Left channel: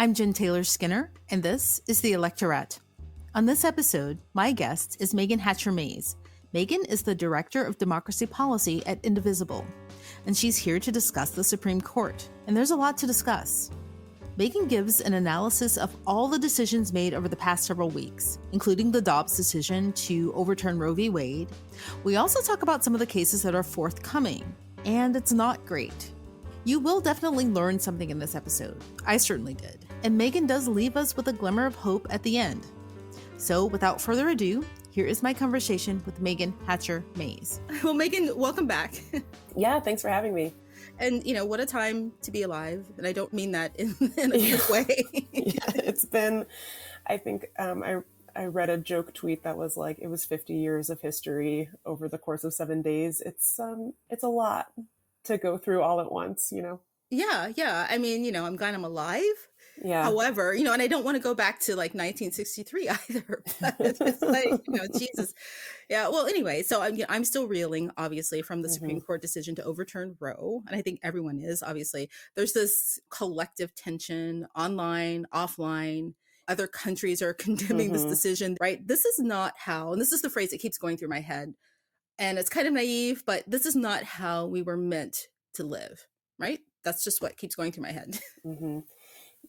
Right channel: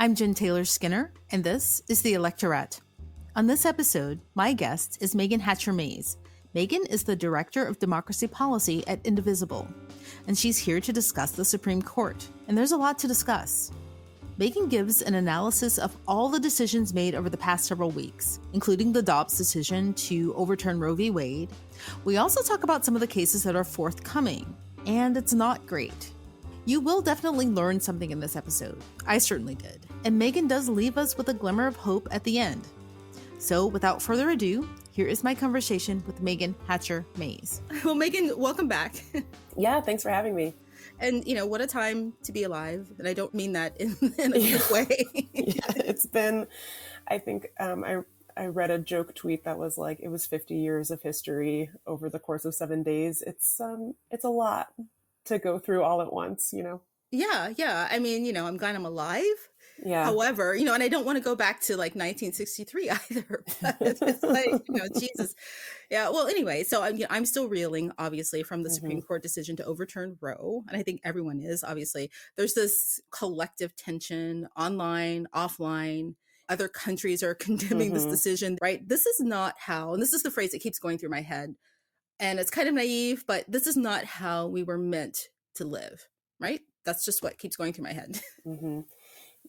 I'm Jen Taylor Skinner, and this is the Electorette. On this episode, my guest is Meagan Hatcher-Mays. Meagan is the Director of Democracy Policy at Indivisible, and she's here to discuss the Supreme Court. And there's a lot to discuss. Meagan gives an analysis of all the decisions made over the past several weeks, including the Dobbs decision to overturn Roe v. Wade. We also talk about some of the cases that are forthcoming, and it's not great. You will definitely learn something in this episode. I certainly did. And Meagan does leave us with a glimmer of hope at the end. So without further ado, here is my conversation with Meagan Hatcher-Mays. Well, Meagan, welcome back. Yeah, thanks for having me. And, what a time to be alive. And I don't mean that in a good way. Yeah, it's been, I think, I read a joke tweet that was like, it was 50 years of history over the course of 7 days. It's a lot to go through all at once, Yeah. I mean, I'm glad I'm alive. Yeah. However, and I don't want to go back to like 1963 either. But it's like, Jesus. Yeah. Well, anyway, so I'm still reeling, obviously, from the Supreme Court decision to overturn Roe. And I think everyone is, obviously. There's this collective tension online, offline. Other countries are condemning this decision, right? This is not how, and this is the phrase that keeps going through my head. And it's kind of naive, but this is not how we were meant to live, right? That's just what keeps going through my head.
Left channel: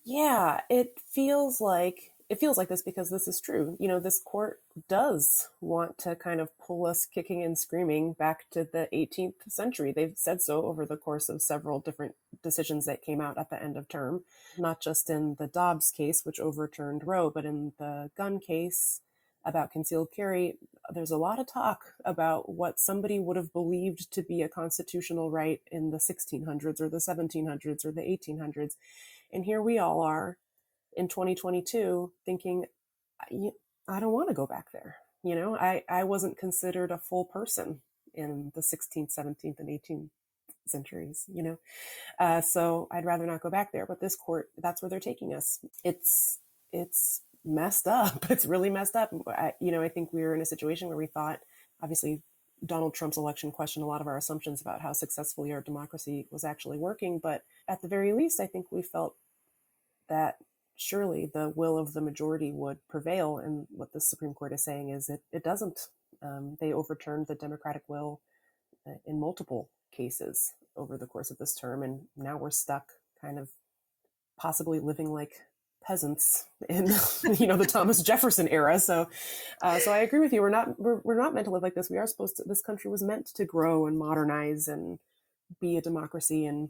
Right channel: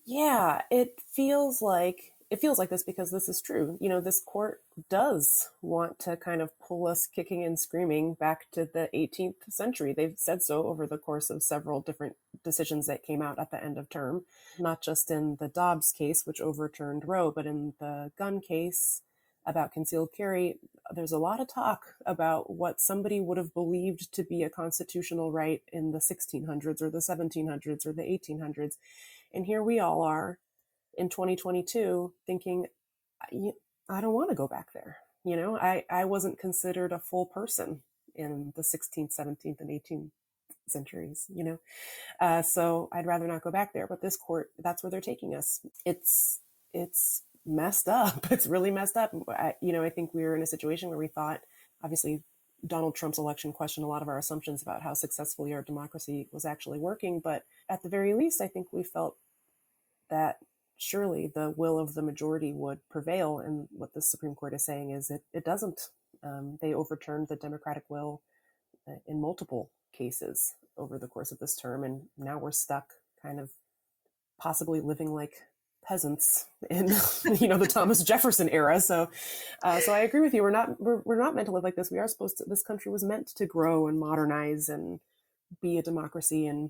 Yeah, it feels like this because this is true. This court does want to kind of pull us kicking and screaming back to the 18th century. They've said so over the course of several different decisions that came out at the end of term, not just in the Dobbs case, which overturned Roe, but in the gun case about concealed carry. There's a lot of talk about what somebody would have believed to be a constitutional right in the 1600s or the 1700s or the 1800s. And here we all are in 2022 thinking, I don't want to go back there. I wasn't considered a full person in the 16th, 17th, and 18th centuries, so I'd rather not go back there. But this court, that's where they're taking us. It's messed up. It's really messed up. I think we were in a situation where we thought, obviously, Donald Trump's election questioned a lot of our assumptions about how successfully our democracy was actually working. But at the very least, I think we felt that surely the will of the majority would prevail. And what the Supreme Court is saying is it doesn't. They overturned the democratic will in multiple cases over the course of this term. And now we're stuck kind of possibly living like peasants in the Thomas Jefferson era. So I agree with you. We're not meant to live like this. We are supposed to. This country was meant to grow and modernize and be a democracy, and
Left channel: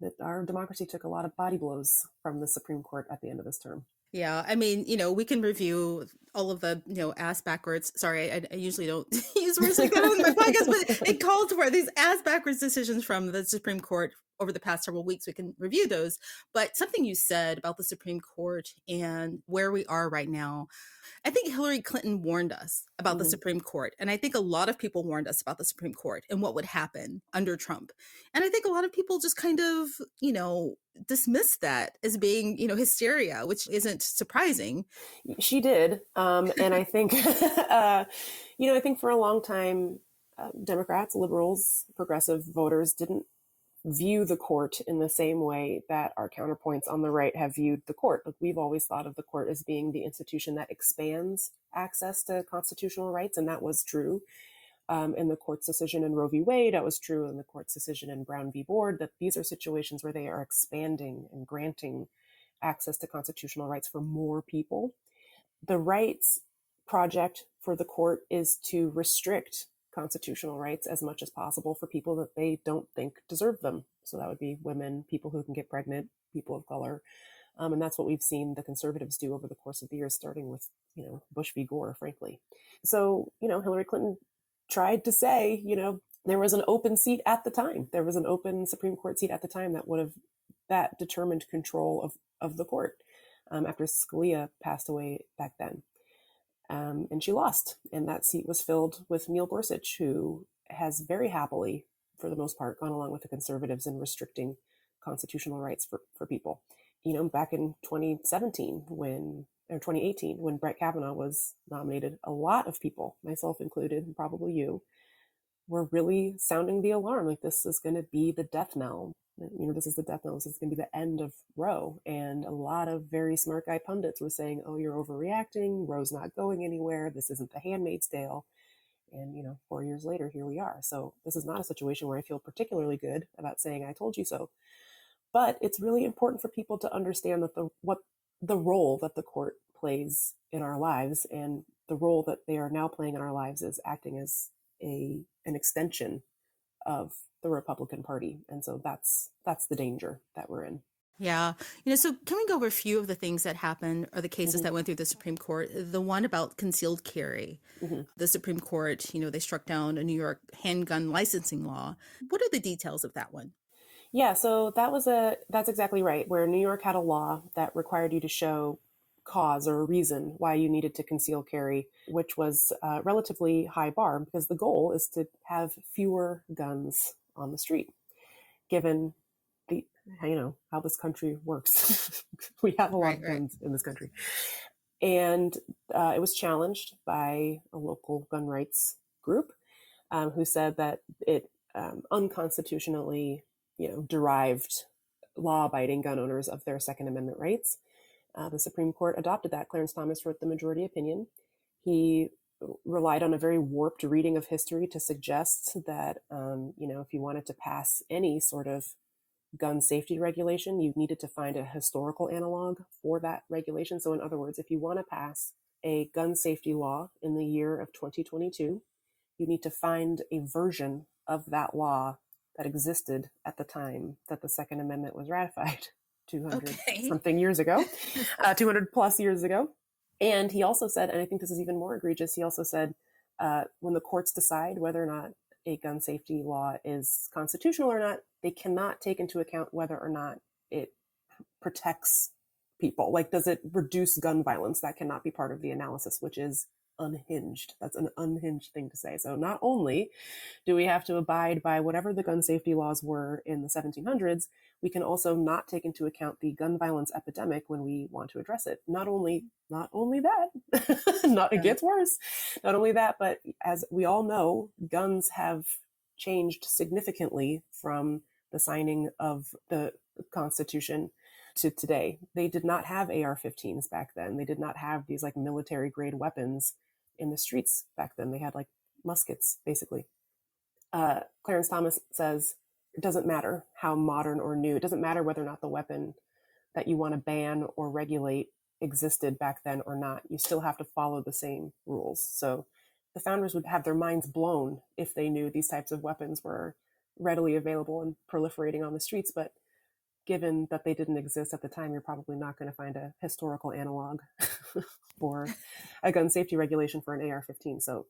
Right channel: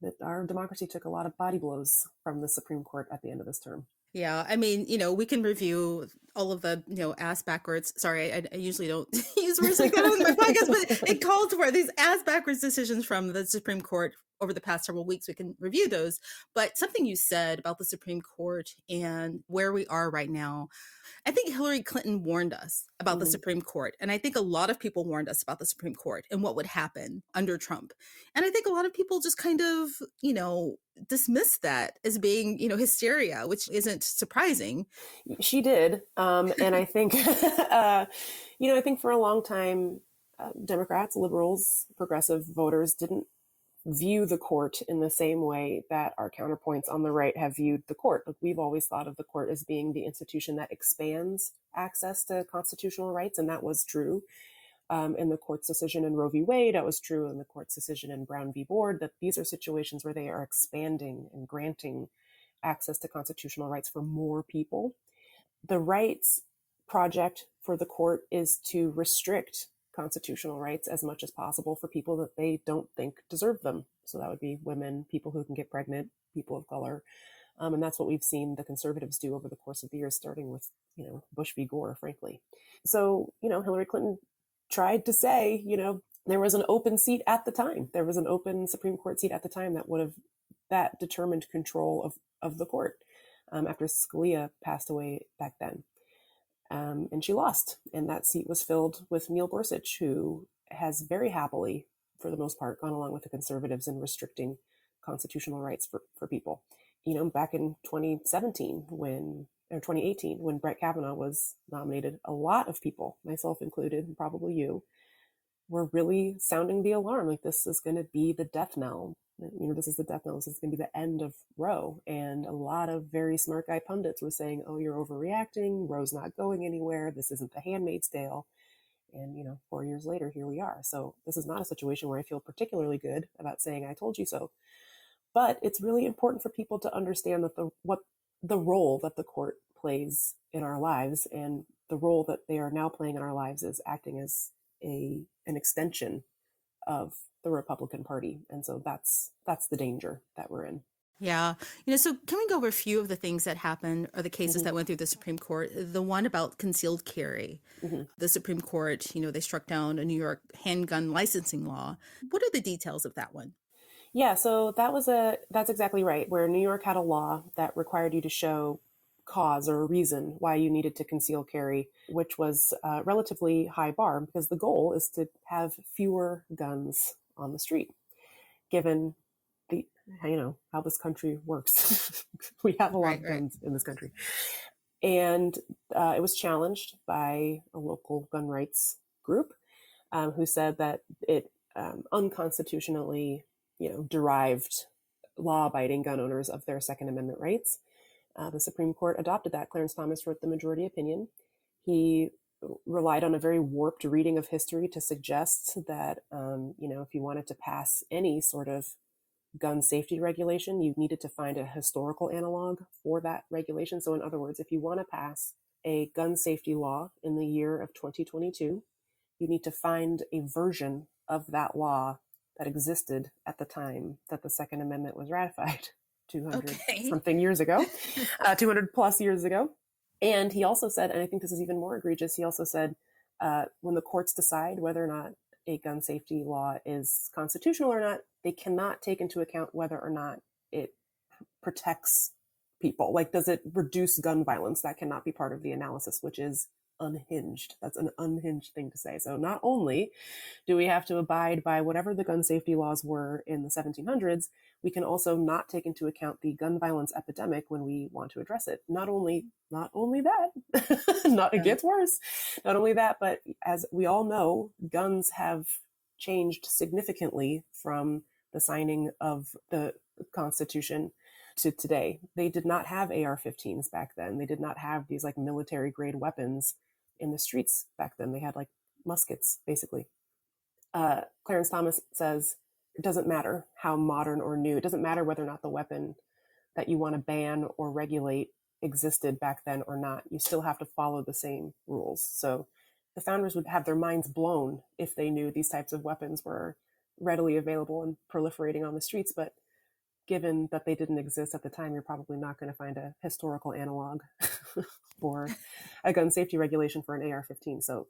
that our democracy took a lot of body blows from the Supreme Court at the end of this term. Yeah, I mean, we can review all of the, ass backwards. Sorry, I usually don't use words like that on my podcast, but it called for these ass backwards decisions from the Supreme Court over the past several weeks. We can review those. But something you said about the Supreme Court and where we are right now, I think Hillary Clinton warned us about the Supreme Court. And I think a lot of people warned us about the Supreme Court and what would happen under Trump. And I think a lot of people just kind of, dismissed that as being, hysteria, which isn't surprising. She did. And I think, I think for a long time, Democrats, liberals, progressive voters didn't view the court in the same way that our counterpoints on the right have viewed the court. We've always thought of the court as being the institution that expands access to constitutional rights, and that was true in the court's decision in Roe v. Wade. That was true in the court's decision in Brown v. Board, that these are situations where they are expanding and granting access to constitutional rights for more people. The rights project for the court is to restrict constitutional rights as much as possible for people that they don't think deserve them. So that would be women, people who can get pregnant, people of color. And that's what we've seen the conservatives do over the course of the years, starting with, Bush v. Gore, frankly. So, Hillary Clinton tried to say, there was an open seat at the time. There was an open Supreme Court seat at the time that determined control of the court after Scalia passed away back then. And she lost. And that seat was filled with Neil Gorsuch, who has very happily, for the most part, gone along with the conservatives in restricting constitutional rights for people. Back in 2018, when Brett Kavanaugh was nominated, a lot of people, myself included, and probably you, were really sounding the alarm. Like, this is going to be the death knell. This is the death knell. This is going to be the end of Roe. And a lot of very smart guy pundits were saying, oh, you're overreacting. Roe's not going anywhere. This isn't The Handmaid's Tale. And, 4 years later, here we are. So this is not a situation where I feel particularly good about saying I told you so. But it's really important for people to understand that the role that the court plays in our lives, and the role that they are now playing in our lives, is acting as an extension of the Republican Party. And so that's the danger that we're in. Yeah. So can we go over a few of the things that happened, or the cases that went through the Supreme Court? The one about concealed carry. The Supreme Court, they struck down a New York handgun licensing law. What are the details of that one? Yeah, so that's exactly right, where New York had a law that required you to show cause or a reason why you needed to conceal carry, which was a relatively high bar, because the goal is to have fewer guns on the street, given how this country works. We have a lot of guns in this country. And it was challenged by a local gun rights group who said that it unconstitutionally derived law-abiding gun owners of their Second Amendment rights. The Supreme Court adopted that. Clarence Thomas wrote the majority opinion. He relied on a very warped reading of history to suggest that, if you wanted to pass any sort of gun safety regulation, you needed to find a historical analog for that regulation. So in other words, if you want to pass a gun safety law in the year of 2022, you need to find a version of that law that existed at the time that the Second Amendment was ratified 200 something years ago, 200 plus years ago. And he also said, and I think this is even more egregious, he also said, when the courts decide whether or not a gun safety law is constitutional or not, they cannot take into account whether or not it protects people. Like, does it reduce gun violence? That cannot be part of the analysis, which is unhinged. That's an unhinged thing to say. So not only do we have to abide by whatever the gun safety laws were in the 1700s, we can also not take into account the gun violence epidemic when we want to address it. Not only that, it gets worse. Not only that, but as we all know, guns have changed significantly from the signing of the Constitution to today. They did not have AR-15s back then. They did not have these like military grade weapons in the streets back then. They had like muskets, basically. Clarence Thomas says it doesn't matter how modern or new. It doesn't matter whether or not the weapon that you want to ban or regulate existed back then or not. You still have to follow the same rules. So the founders would have their minds blown if they knew these types of weapons were readily available and proliferating on the streets. But given that they didn't exist at the time, you're probably not going to find a historical analog for a gun safety regulation for an AR-15. So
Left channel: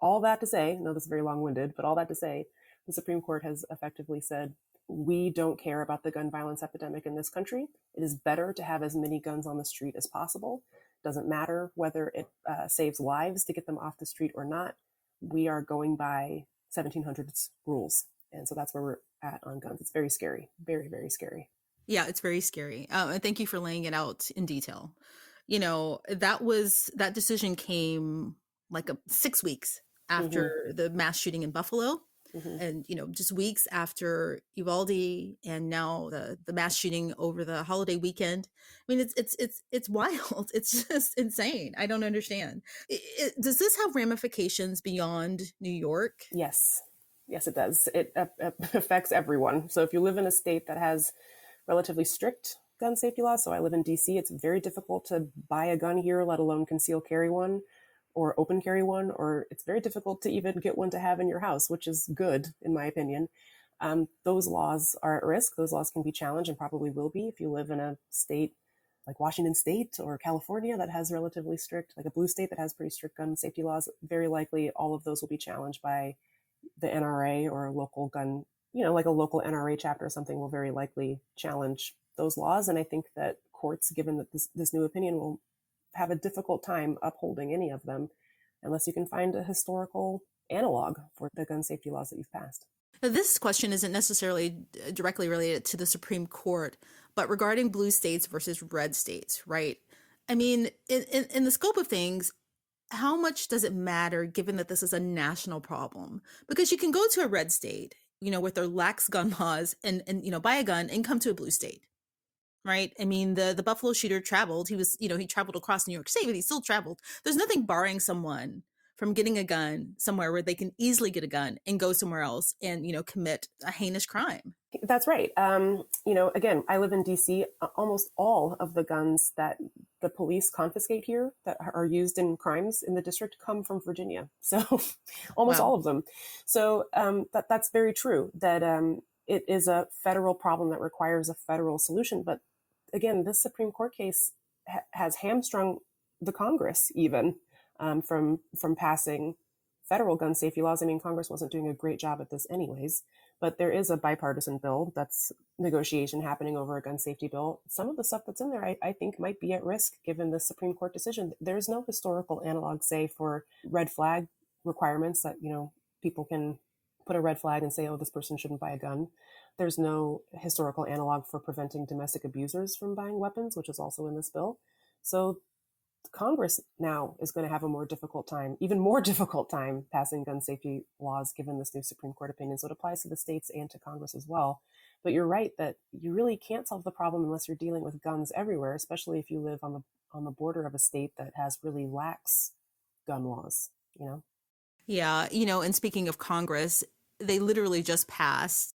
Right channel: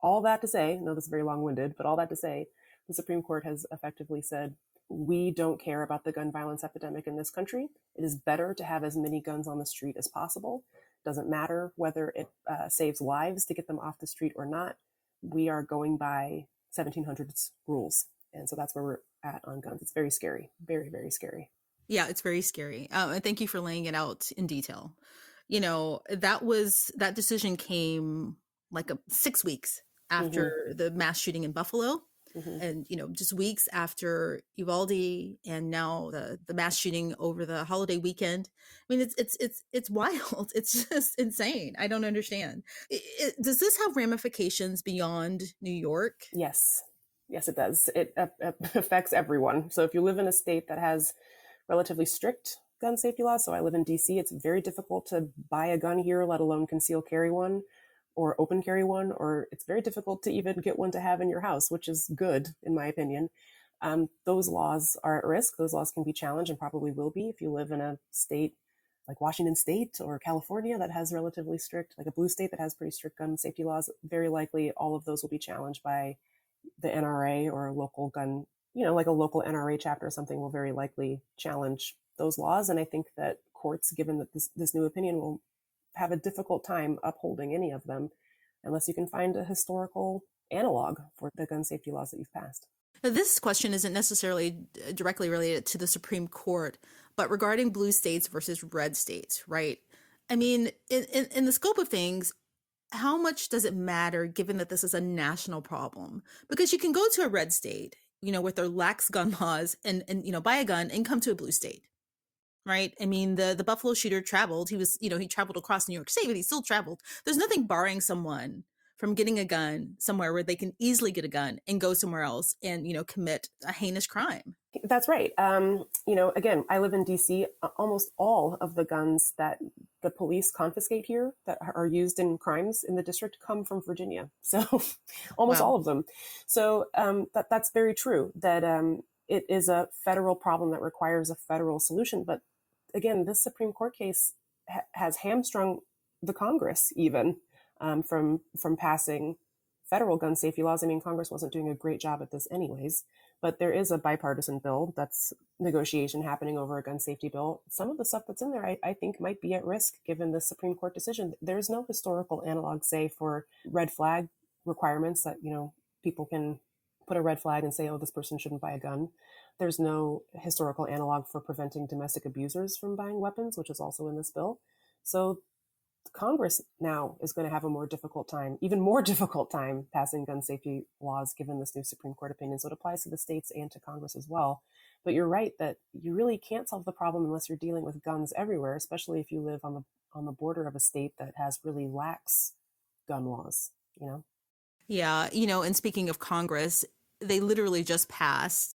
all that to say, I know this is very long-winded, but all that to say, the Supreme Court has effectively said, we don't care about the gun violence epidemic in this country. It is better to have as many guns on the street as possible. Doesn't matter whether it saves lives to get them off the street or not. We are going by 1700s rules. And so that's where we're at on guns. It's very scary. Very, very scary. Yeah, it's very scary. And thank you for laying it out in detail. That decision came like 6 weeks after the mass shooting in Buffalo. And, just weeks after Uvalde, and now the mass shooting over the holiday weekend. I mean, it's wild. It's just insane. I don't understand. Does this have ramifications beyond New York? Yes, it does. It affects everyone. So if you live in a state that has relatively strict gun safety laws, so I live in DC, it's very difficult to buy a gun here, let alone conceal carry one or open carry one, or it's very difficult to even get one to have in your house, which is good, in my opinion. Those laws are at risk. Those laws can be challenged and probably will be if you live in a state like Washington State or California that has relatively strict, like a blue state that has pretty strict gun safety laws. Very likely all of those will be challenged by the NRA or a local gun, like a local NRA chapter or something will very likely challenge those laws. And I think that courts, given that this new opinion, will have a difficult time upholding any of them unless you can find a historical analog for the gun safety laws that you've passed. Now, this question isn't necessarily directly related to the Supreme Court, but regarding blue states versus red states, right? I mean, in the scope of things, how much does it matter given that this is a national problem? Because you can go to a red state, with their lax gun laws and buy a gun and come to a blue state. Right. I mean, the Buffalo shooter traveled. He traveled across New York State, but he still traveled. There's nothing barring someone from getting a gun somewhere where they can easily get a gun and go somewhere else and, commit a heinous crime. That's right. Again, I live in DC. Almost all of the guns that the police confiscate here that are used in crimes in the district come from Virginia. So almost all of them. So that's very true, that it is a federal problem that requires a federal solution. But again, this Supreme Court case has hamstrung the Congress even from passing federal gun safety laws. I mean, Congress wasn't doing a great job at this anyways, but there is a bipartisan bill that's negotiation happening over a gun safety bill. Some of the stuff that's in there, I think might be at risk given the Supreme Court decision. There's no historical analog, say, for red flag requirements that, people can put a red flag and say, oh, this person shouldn't buy a gun. There's no historical analog for preventing domestic abusers from buying weapons, which is also in this bill. So Congress now is going to have even more difficult time passing gun safety laws given this new Supreme Court opinion. So it applies to the states and to Congress as well. But you're right that you really can't solve the problem unless you're dealing with guns everywhere, especially if you live on the border of a state that has really lax gun laws, Yeah, and speaking of Congress, they literally just passed,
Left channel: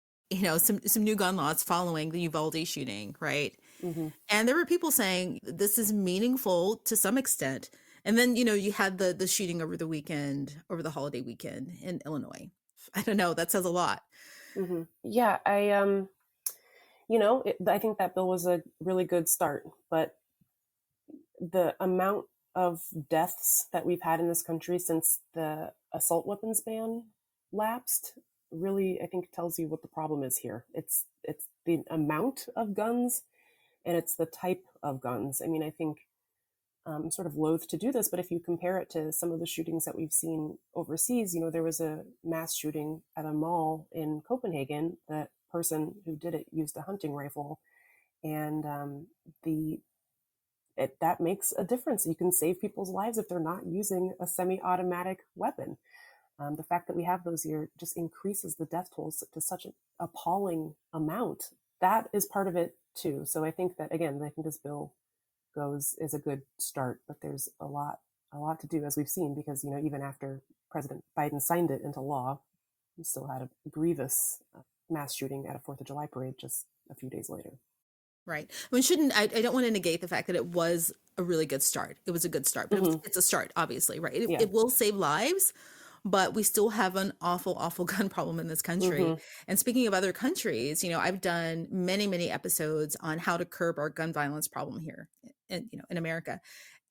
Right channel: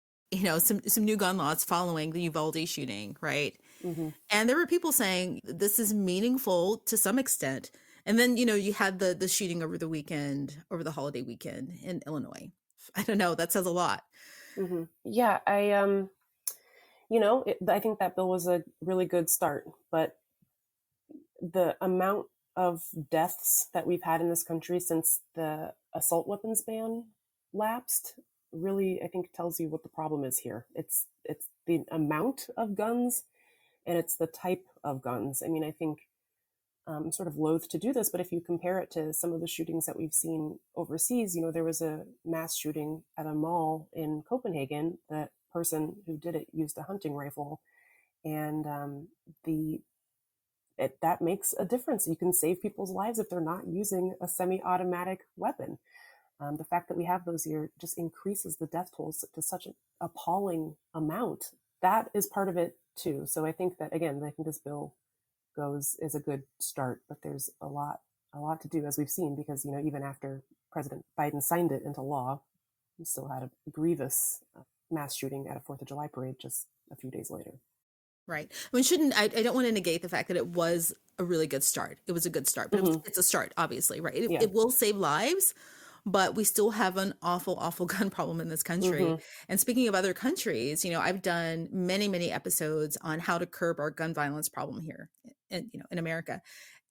some new gun laws following the Uvalde shooting, right? Mm-hmm. And there were people saying this is meaningful to some extent. And then, you had the shooting over the holiday weekend in Illinois. I don't know, that says a lot. Mm-hmm. Yeah, I think that bill was a really good start, but the amount of deaths that we've had in this country since the assault weapons ban lapsed really, I think, tells you what the problem is here. It's the amount of guns and it's the type of guns. I mean, I think I'm sort of loath to do this, but if you compare it to some of the shootings that we've seen overseas, there was a mass shooting at a mall in Copenhagen. The person who did it used a hunting rifle, and that makes a difference. You can save people's lives if they're not using a semi-automatic weapon. The fact that we have those here just increases the death tolls to such an appalling amount. That is part of it too. So I think that, again, I think this bill is a good start, but there's a lot to do, as we've seen, because even after President Biden signed it into law, we still had a grievous mass shooting at a 4th of July parade just a few days later. Right. I mean, I don't want to negate the fact that it was a really good start. It was a good start, but it's a start, obviously, right? It will save lives, but we still have an awful, awful gun problem in this country. Mm-hmm. And speaking of other countries, I've done many, many episodes on how to curb our gun violence problem here in America.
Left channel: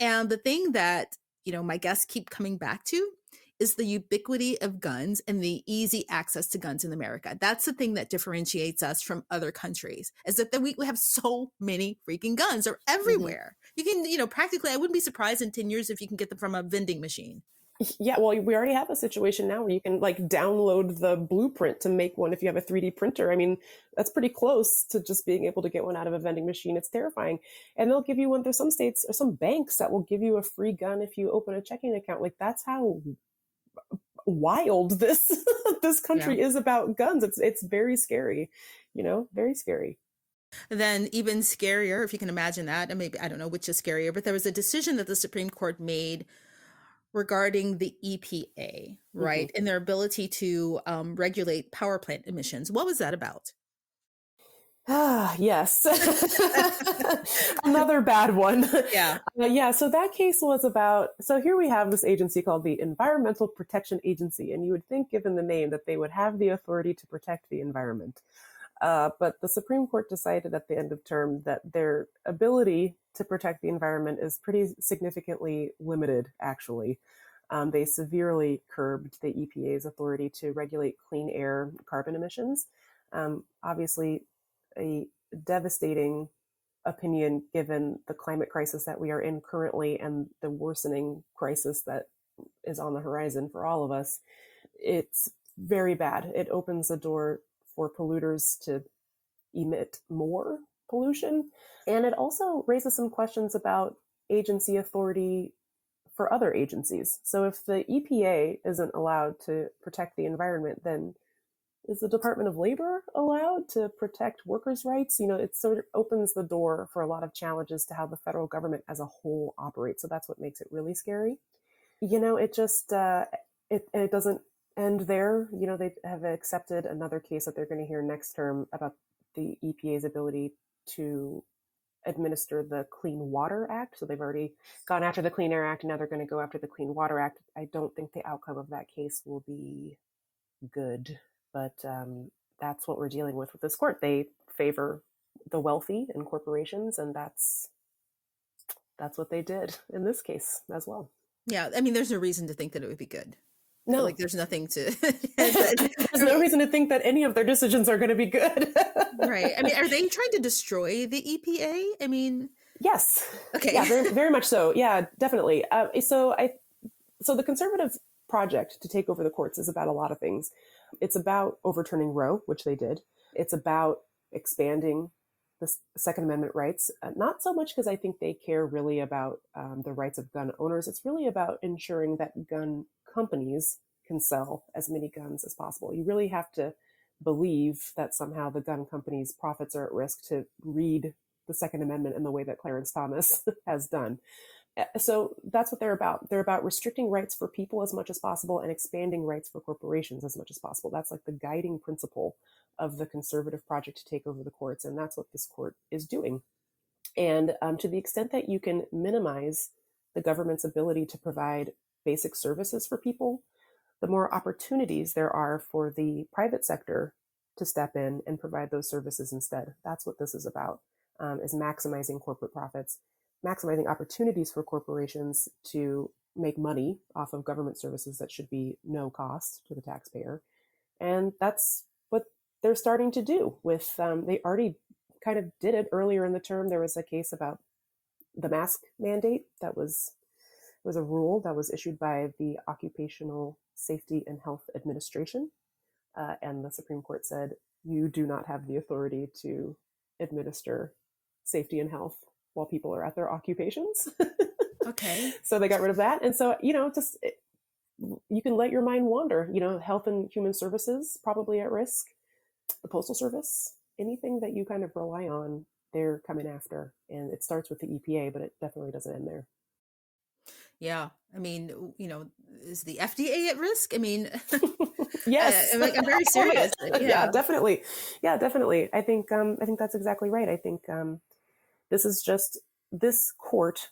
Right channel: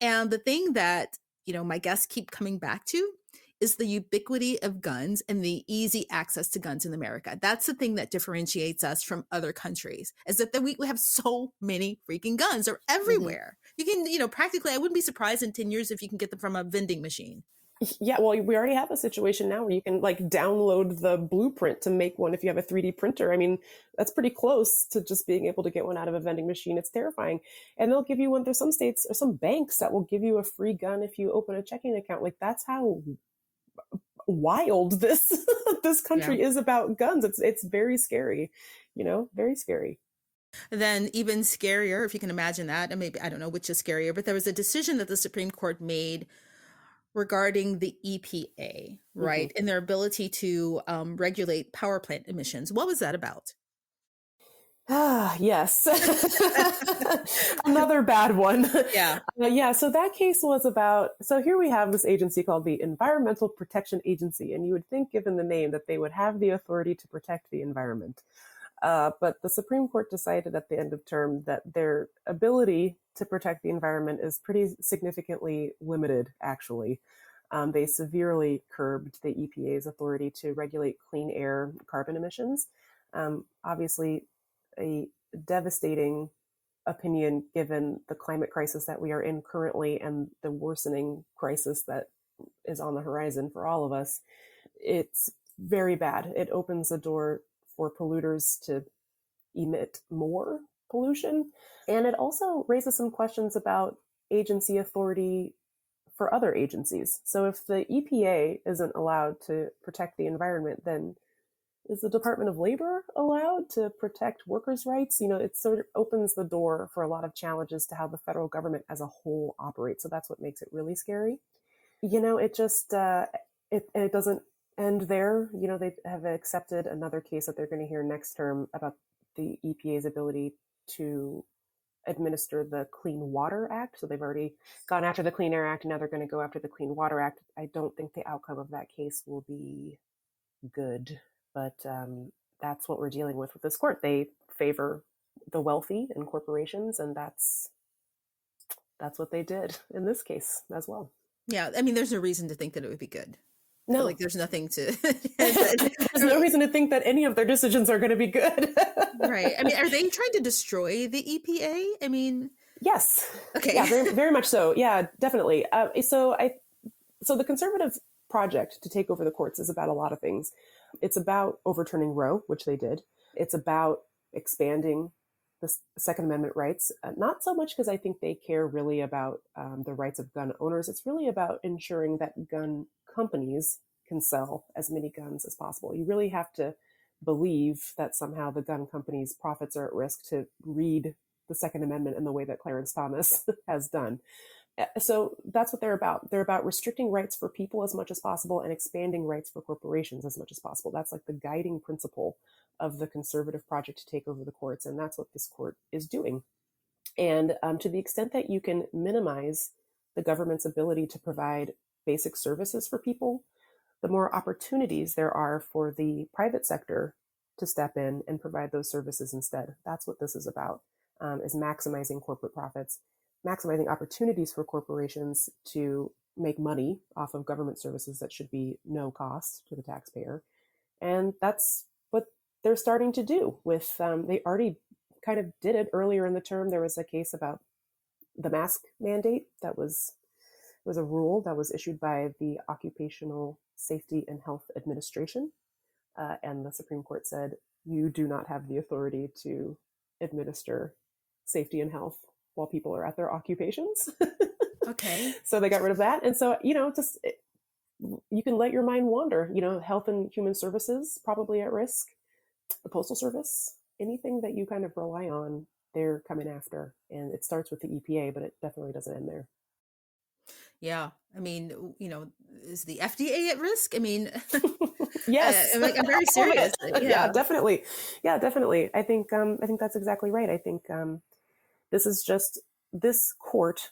And the thing that, my guests keep coming back to is the ubiquity of guns and the easy access to guns in America. That's the thing that differentiates us from other countries, is that we have so many freaking guns. They're everywhere. Mm-hmm. You can, practically, I wouldn't be surprised in 10 years if you can get them from a vending machine. Yeah, well, we already have a situation now where you can download the blueprint to make one if you have a 3D printer. I mean, that's pretty close to just being able to get one out of a vending machine. It's terrifying. And they'll give you one. There's some states or some banks that will give you a free gun if you open a checking account. That's how wild this country is about guns. It's very scary, very scary. And then even scarier, if you can imagine that, and maybe I don't know which is scarier, but there was a decision that the Supreme Court made regarding the EPA, right? Mm-hmm. And their ability to regulate power plant emissions. What was that about? Yes. Another bad one. Yeah. So that case was about, so here we have this agency called the Environmental Protection Agency, and you would think, given the name, that they would have the authority to protect the environment. But the Supreme Court decided at the end of term that their ability to protect the environment is pretty significantly limited, actually. They severely curbed the EPA's authority to regulate clean air carbon emissions. Obviously, a devastating opinion given the climate crisis that we are in currently and the worsening crisis that is on the horizon for all of us. It's very bad. It opens the door for polluters to emit more pollution. And it also raises some questions about agency authority for other agencies. So if the EPA isn't allowed to protect the environment, then is the Department of Labor allowed to protect workers' rights? It sort of opens the door for a lot of challenges to how the federal government as a whole operates. So that's what makes it really scary. It just, it doesn't end there. They have accepted another case that they're going to hear next term about the EPA's ability to administer the Clean Water Act. So they've already gone after the Clean Air Act, and now they're going to go after the Clean Water Act. I don't think the outcome of that case will be good, but that's what we're dealing with this court. They favor the wealthy and corporations, and that's what they did in this case as well. Yeah, I mean, there's a reason to think that it would be good. No, like there's nothing to. There's no reason to think that any of their decisions are going to be good. Right. I mean, are they trying to destroy the EPA? I mean, yes. Okay. Yeah, very, very much so. Yeah, definitely. So the conservative project to take over the courts is about a lot of things. It's about overturning Roe, which they did. It's about expanding the Second Amendment rights, not so much because I think they care really about the rights of gun owners. It's really about ensuring that gun companies can sell as many guns as possible. You really have to believe that somehow the gun companies' profits are at risk to read the Second Amendment in the way that Clarence Thomas has done. So that's what they're about. They're about restricting rights for people as much as possible and expanding rights for corporations as much as possible. That's like the guiding principle of the conservative project to take over the courts. And that's what this court is doing. And to the extent that you can minimize the government's ability to provide basic services for people, the more opportunities there are for the private sector to step in and provide those services instead. That's what this is about, is maximizing corporate profits, maximizing opportunities for corporations to make money off of government services that should be no cost to the taxpayer. And that's what they're starting to do with, they already kind of did it earlier in the term. There was a case about the mask mandate that was a rule that was issued by the Occupational Safety and Health Administration. And the Supreme Court said, you do not have the authority to administer safety and health while people are at their occupations. Okay. So they got rid of that. And so, you can let your mind wander. Health and Human Services probably at risk. The Postal Service, anything that you kind of rely on, they're coming after. And it starts with the EPA, but it definitely doesn't end there. Yeah. I mean, is the FDA at risk? I mean, yes. I'm very serious. Yeah, definitely. Yeah, definitely. I think that's exactly right. I think this court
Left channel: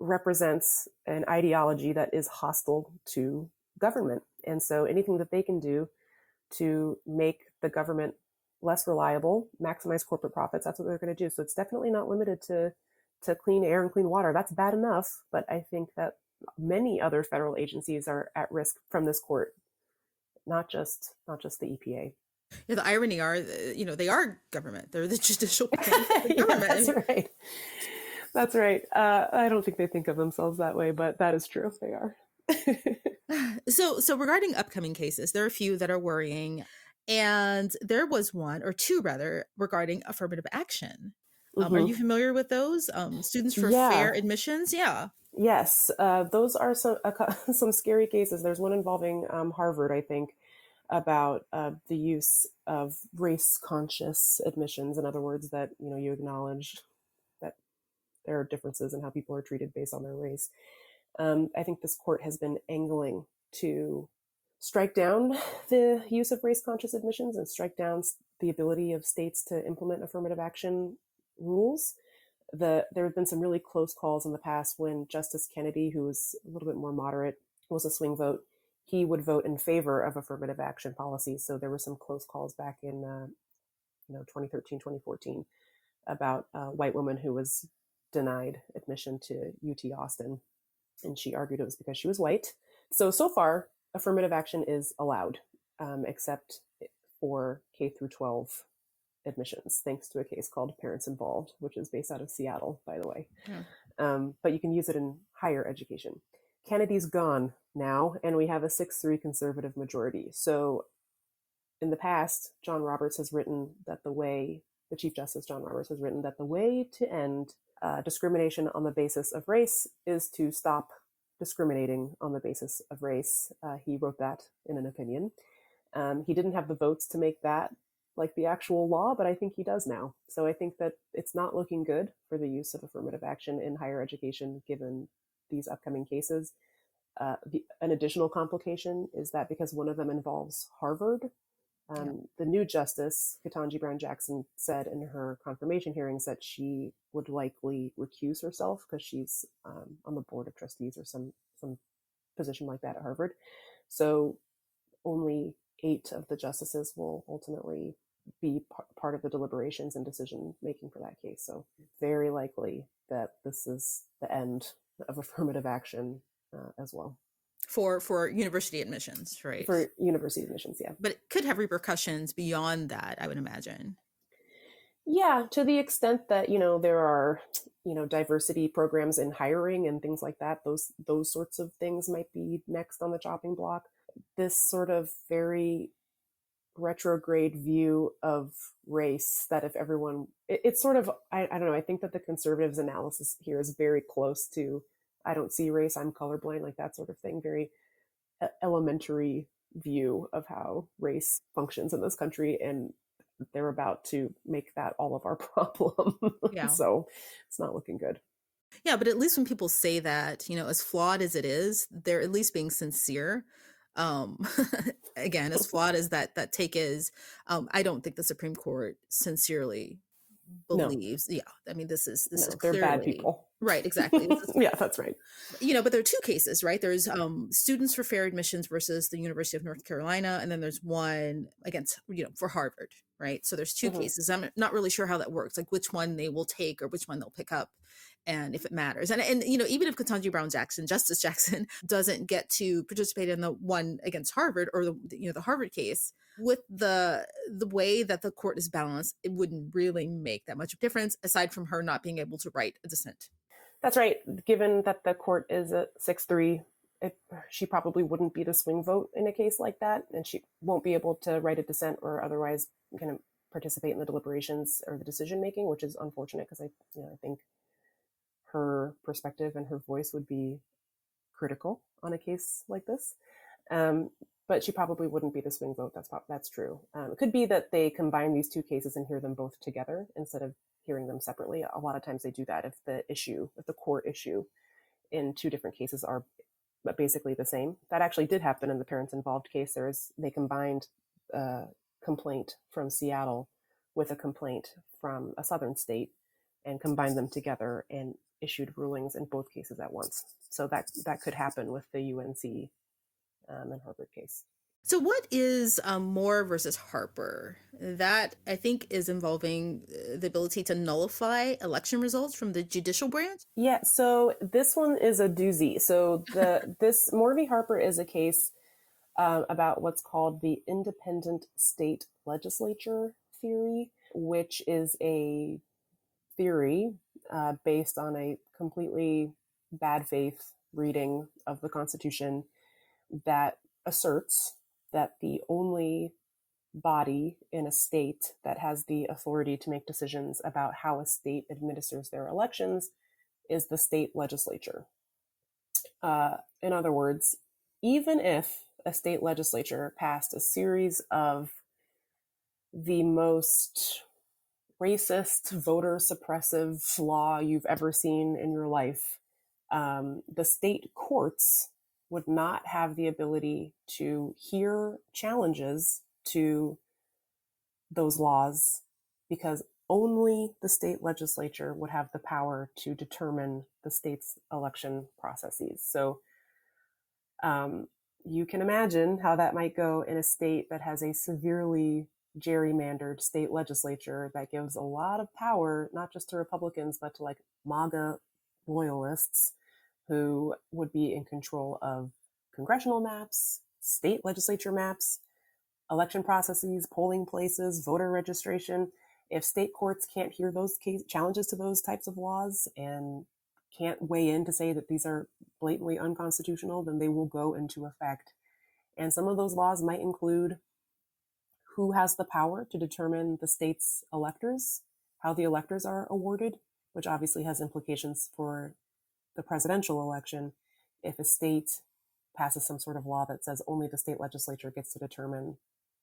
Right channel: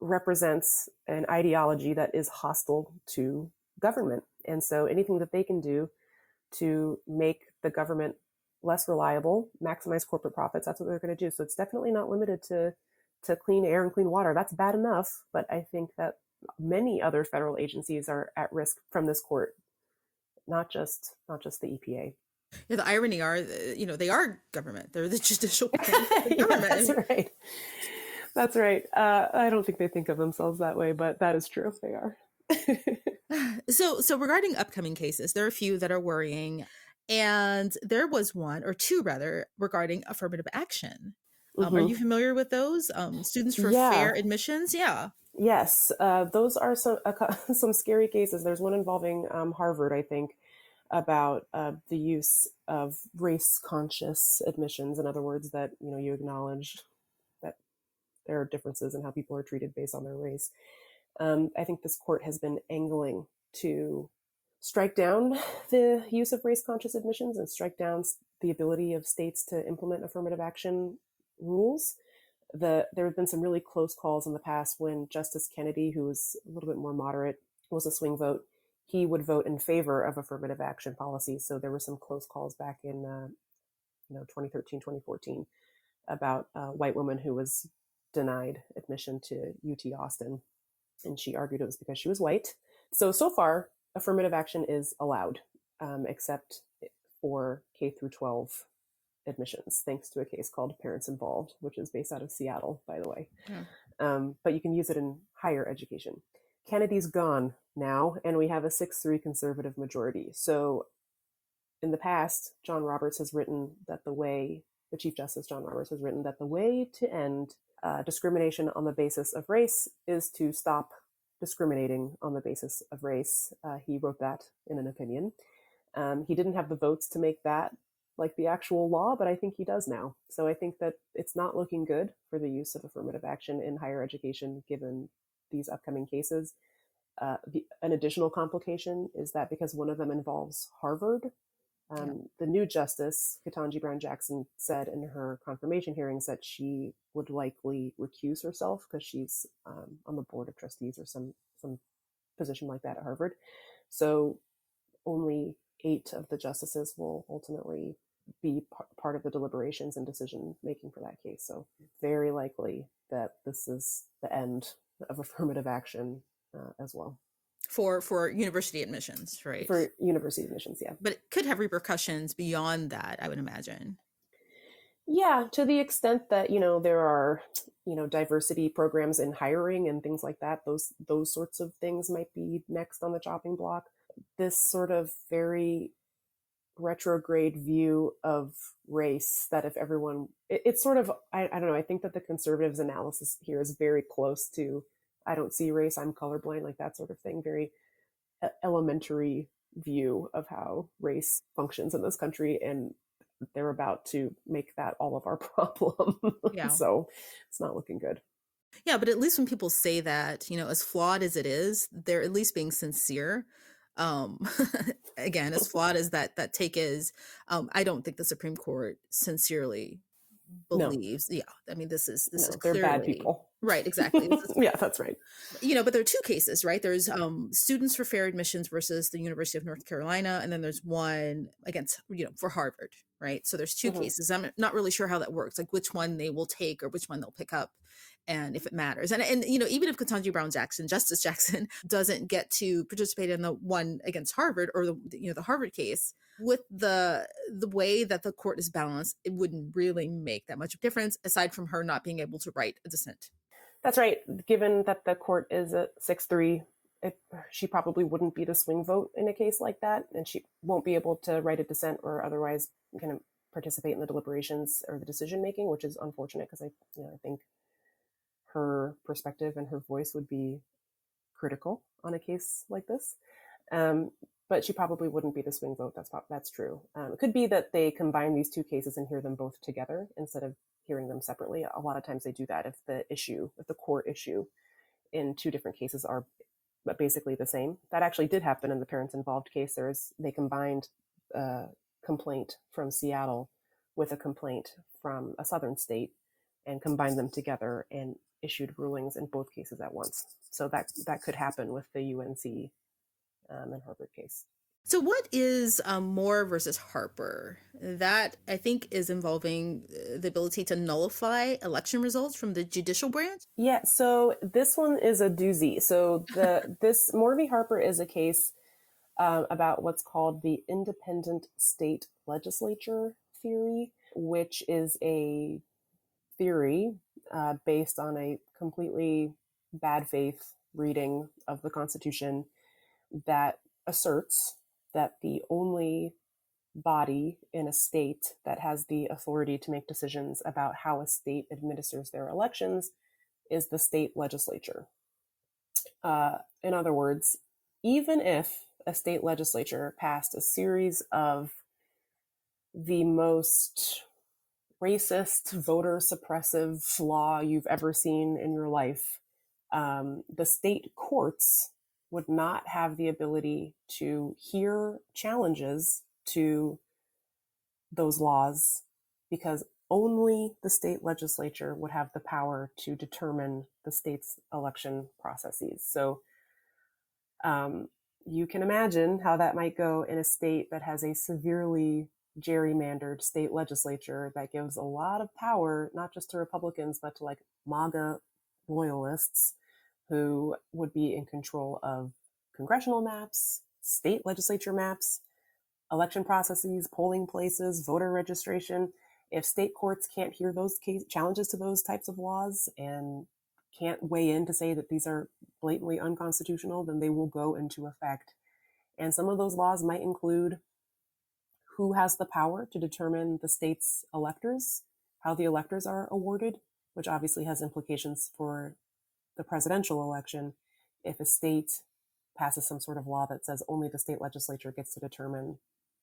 represents an ideology that is hostile to government. And so anything that they can do to make the government less reliable, maximize corporate profits, that's what they're going to do. So it's definitely not limited to clean air and clean water. That's bad enough. But I think that many other federal agencies are at risk from this court, not just the EPA. Yeah, the irony are, they are government. They're the judicial government. Yeah, that's right. That's right. I don't think they think of themselves that way, but that is true. They are. So regarding upcoming cases, there are a few that are worrying. And there was one, or two rather, regarding affirmative action. Are you familiar with those? Students for fair admissions? Yeah. Yes. Those are some scary cases. There's one involving Harvard, I think, about the use of race-conscious admissions. In other words, that you acknowledge that there are differences in how people are treated based on their race. I think this court has been angling to strike down the use of race-conscious admissions and strike down the ability of states to implement affirmative action rules. There have been some really close calls in the past when Justice Kennedy, who was a little bit more moderate, was a swing vote. He would vote in favor of affirmative action policies. So there were some close calls back in 2013, 2014 about a white woman who was denied admission to UT Austin. And she argued it was because she was white. So far, affirmative action is allowed, except for K through 12 admissions, thanks to a case called Parents Involved, which is based out of Seattle, by the way. But you can use it in higher education. Kennedy's gone now, and we have a 6-3 conservative majority. So in the past, the Chief Justice John Roberts has written that the way to end discrimination on the basis of race is to stop discriminating on the basis of race. He wrote that in an opinion. He didn't have the votes to make that like the actual law, but I think he does now. So I think that it's not looking good for the use of affirmative action in higher education given these upcoming cases. An additional complication is that because one of them involves Harvard, the new justice, Ketanji Brown Jackson, said in her confirmation hearings that she would likely recuse herself because she's on the board of trustees or some position like that at Harvard. So only 8 of the justices will ultimately be part of the deliberations and decision making for that case. So very likely that this is the end of affirmative action as well. For university admissions, right? For university admissions, yeah. But it could have repercussions beyond that, I would imagine. Yeah, to the extent that, there are, diversity programs in hiring and things like that, those sorts of things might be next on the chopping block. This sort of very retrograde view of race that if everyone, it's sort of, I don't know, I think that the conservatives' analysis here is very close to, I don't see race, I'm colorblind, like that sort of thing, very elementary view of how race functions in this country, and they're about to make that all of our problem. Yeah. So it's not looking good. Yeah, but at least when people say that, as flawed as it is, they're at least being sincere. Again, as flawed as that take is, I don't think the Supreme Court sincerely believes. No. Yeah, I mean, this is clearly bad people. Right, exactly. Yeah, that's right. But there are 2 cases, right? There's Students for Fair Admissions versus the University of North Carolina, and then there's one against, for Harvard, right? So there's 2 cases. I'm not really sure how that works, like which one they will take or which one they'll pick up, and if it matters. And even if Ketanji Brown Jackson, Justice Jackson, doesn't get to participate in the one against Harvard or the Harvard case, with the way that the court is balanced, it wouldn't really make that much difference aside from her not being able to write a dissent. That's right. Given that the court is at 6-3, she probably wouldn't be the swing vote in a case like that, and she won't be able to write a dissent or otherwise kind of participate in the deliberations or the decision making, which is unfortunate because I think her perspective and her voice would be critical on a case like this. But she probably wouldn't be the swing vote. That's true. It could be that they combine these 2 cases and hear them both together instead of hearing them separately. A lot of times they do that if the core issue in 2 different cases are basically the same. That actually did happen in the parents involved case. They combined a complaint from Seattle with a complaint from a southern state and combined them together and issued rulings in both cases at once. So that could happen with the UNC and Harvard case. So what is Moore versus Harper? That, I think, is involving the ability to nullify election results from the judicial branch? Yeah, so this one is a doozy. So this Moore v. Harper is a case about what's called the independent state legislature theory, which is a theory based on a completely bad faith reading of the Constitution that asserts that the only body in a state that has the authority to make decisions about how a state administers their elections is the state legislature. In other words, even if a state legislature passed a series of the most racist, voter suppressive law you've ever seen in your life, the state courts would not have the ability to hear challenges to those laws because only the state legislature would have the power to determine the state's election processes. So you can imagine how that might go in a state that has a severely gerrymandered state legislature that gives a lot of power, not just to Republicans, but to like MAGA loyalists who would be in control of congressional maps, state legislature maps, election processes, polling places, voter registration. If state courts can't hear those challenges to those types of laws and can't weigh in to say that these are blatantly unconstitutional, then they will go into effect. And some of those laws might include who has the power to determine the state's electors, how the electors are awarded, which obviously has implications for the presidential election. if a state passes some sort of law that says only the state legislature gets to determine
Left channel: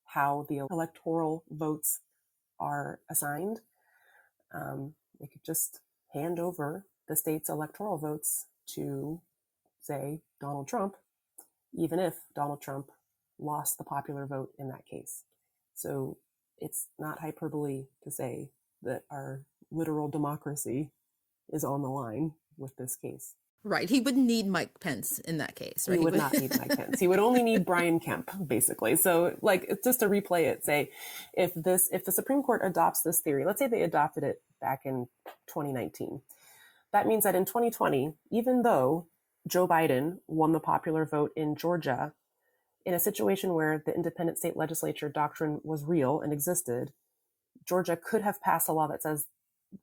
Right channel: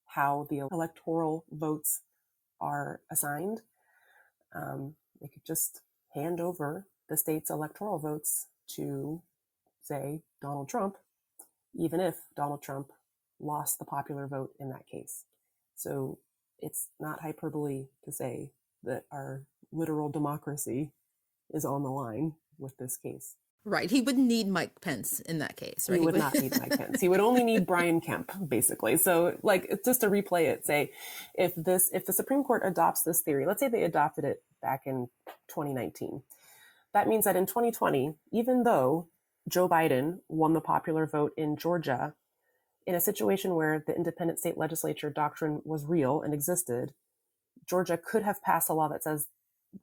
how the electoral votes are assigned, they could just hand over the state's electoral votes to, say, Donald Trump, even if Donald Trump lost the popular vote in that case. So it's not hyperbole to say that our literal democracy is on the line with this case. Right. He wouldn't need Mike Pence in that case, right? He would not need Mike Pence. He would only need Brian Kemp, basically. So, like, just to replay it, say, if the Supreme Court adopts this theory, let's say they adopted it back in 2019, that means that in 2020, even though Joe Biden won the popular vote in Georgia, in a situation where the independent state legislature doctrine was real and existed, Georgia could have passed a law that says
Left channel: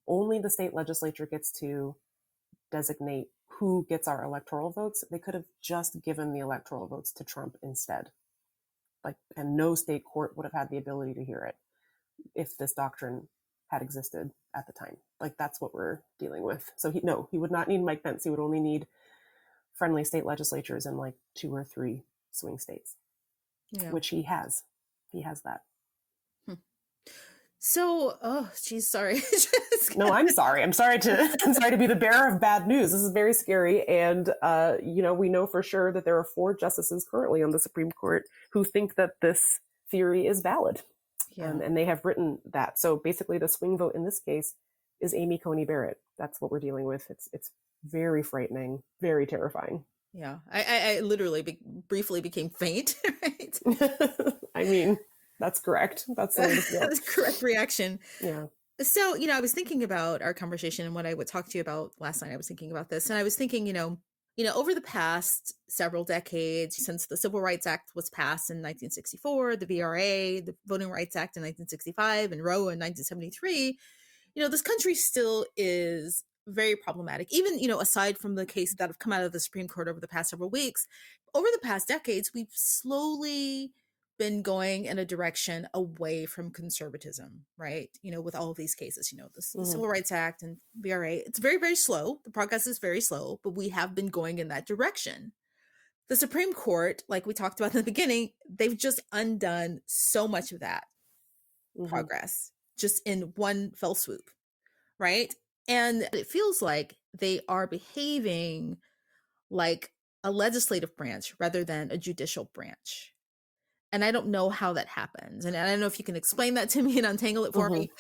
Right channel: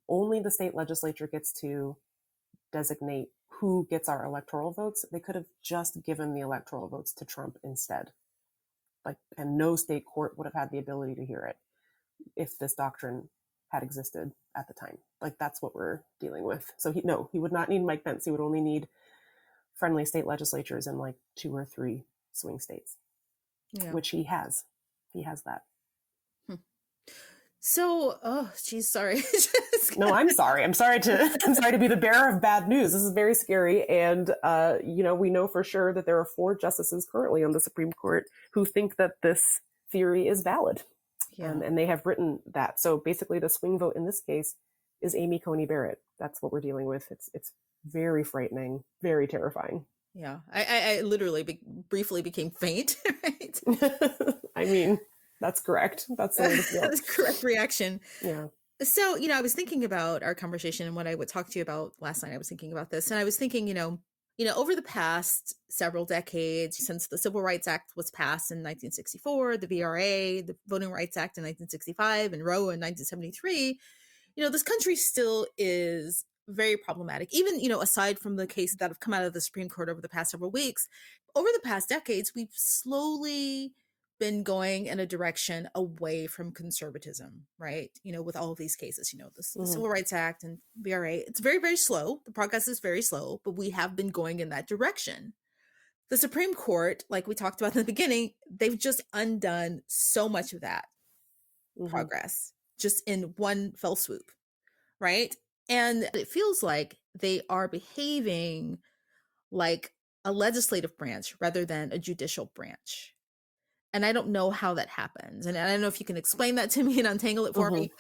only the state legislature gets to designate who gets our electoral votes. They could have just given the electoral votes to Trump instead. And no state court would have had the ability to hear it if this doctrine had existed at the time. That's what we're dealing with. So he would not need Mike Pence. He would only need friendly state legislatures in 2 or 3 swing states, which he has. He has that. So, oh, geez, sorry. No, I'm sorry. I'm sorry to be the bearer of bad news. This is very scary. And, we know for sure that there are 4 justices currently on the Supreme Court who think that this theory is valid. Yeah. And they have written that. So basically the swing vote in this case is Amy Coney Barrett. That's what we're dealing with. It's very frightening, very terrifying. Yeah. I literally briefly became faint, right? I mean, that's correct. That's the correct reaction. Yeah. So, I was thinking about our conversation and what I would talk to you about last night. I was thinking about this, and I was thinking, over the past several decades, since the Civil Rights Act was passed in 1964, the VRA, the Voting Rights Act in 1965, and Roe in 1973, this country still is very problematic. Even, aside from the cases that have come out of the Supreme Court over the past several weeks, over the past decades, we've slowly been going in a direction away from conservatism, right? With all of these cases, the Civil Rights Act and VRA, it's very, very slow. The progress is very slow, but we have been going in that direction. The Supreme Court, like we talked about in the beginning, they've just undone so much of that progress just in one fell swoop, right? And it feels like they are behaving like a legislative branch rather than a judicial branch. And I don't know how that happens. And I don't know if you can explain that to me and untangle it for me.